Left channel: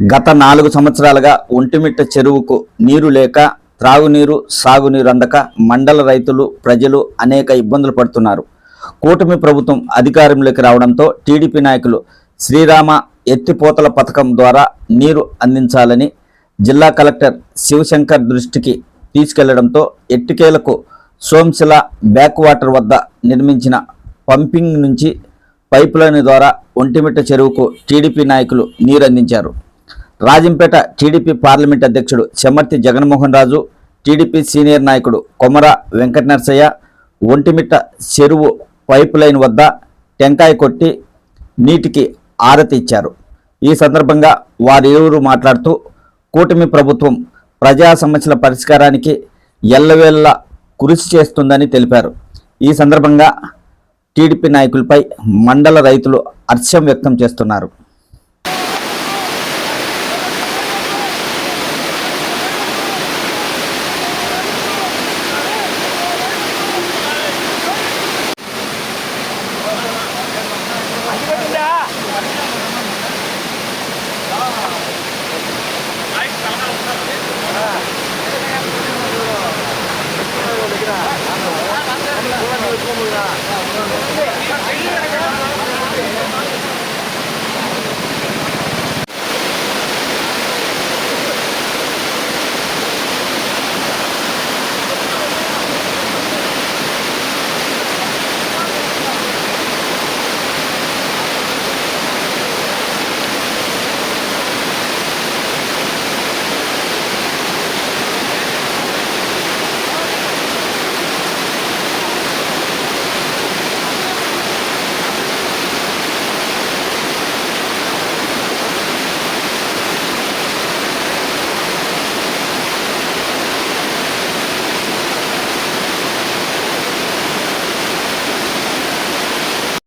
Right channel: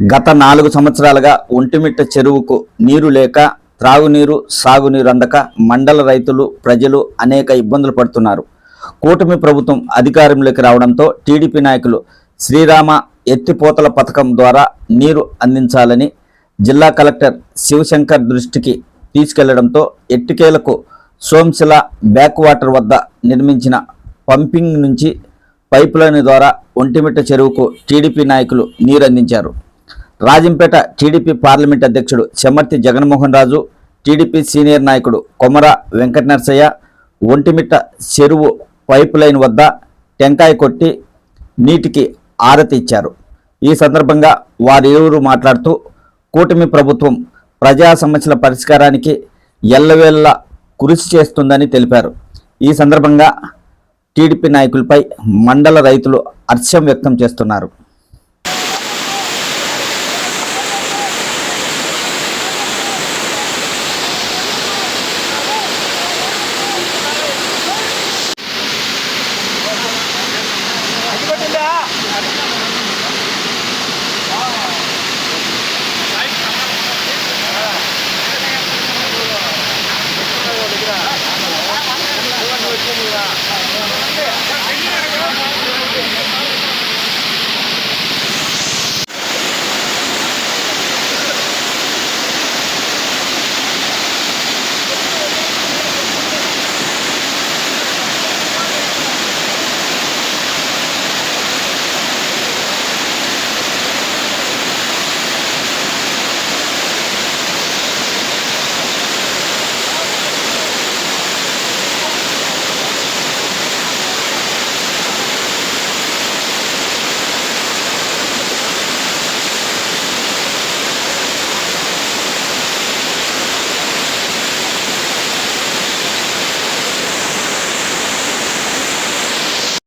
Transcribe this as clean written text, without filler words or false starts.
గత 4 సంవత్సరాలుగా ఒంటిమిట్ట చెరువుకు నీరు లేక త్రాగునీరు, సాగునీరు అందక మండల రైతులు, ప్రజలు అనేక ఇబ్బందులు పడుతున్నారు. కూటమి ప్రభుత్వం అధికారంలోకి రావడంతో టీడీపీ నాయకులు శ్రీరామ ఎత్తిపోతల పథకం ద్వారా నీరు అందించాలని జిల్లా కలెక్టర్ శివశంకర్ దృష్టికి తీసుకెళ్లడంతో ఎట్టికేలకు సోంశిల బ్యాక్ వాటర్ వద్ద నిర్మించిన పంపింగ్ నుంచి పైపులైన్ ద్వారా ఒంటిమిట్ట చెరువుకు టీడీపీ నాయకులు నీరు అందించారు. రాజంపేట టీడీపీ పార్లమెంట్ అధ్యక్షుడు చెమర్తి జగన్మోహన్ రాజు, టీడీపీ సీనియర్ నాయకుడు కొమర వెంకట నరసయ్య ఒంటిమిట్ట చెరువు పైపు లైన్ వద్ద టెంకాయ కొట్టి నీటికి ఆరతి ఇచ్చారు. ఈ సందర్భంగా వారిరువురు మాట్లాడుతూ కూటమి ప్రభుత్వం ప్రజా సమస్యల పరిష్కారానికి ఎల్లవేళలా కృషి చేస్తుందని తెలిపారు. ఈ సందర్భంగా టీడీపీ నాయకులపై మండల రైతులు హర్షం వ్యక్తం చేస్తున్నారు. దగ్గర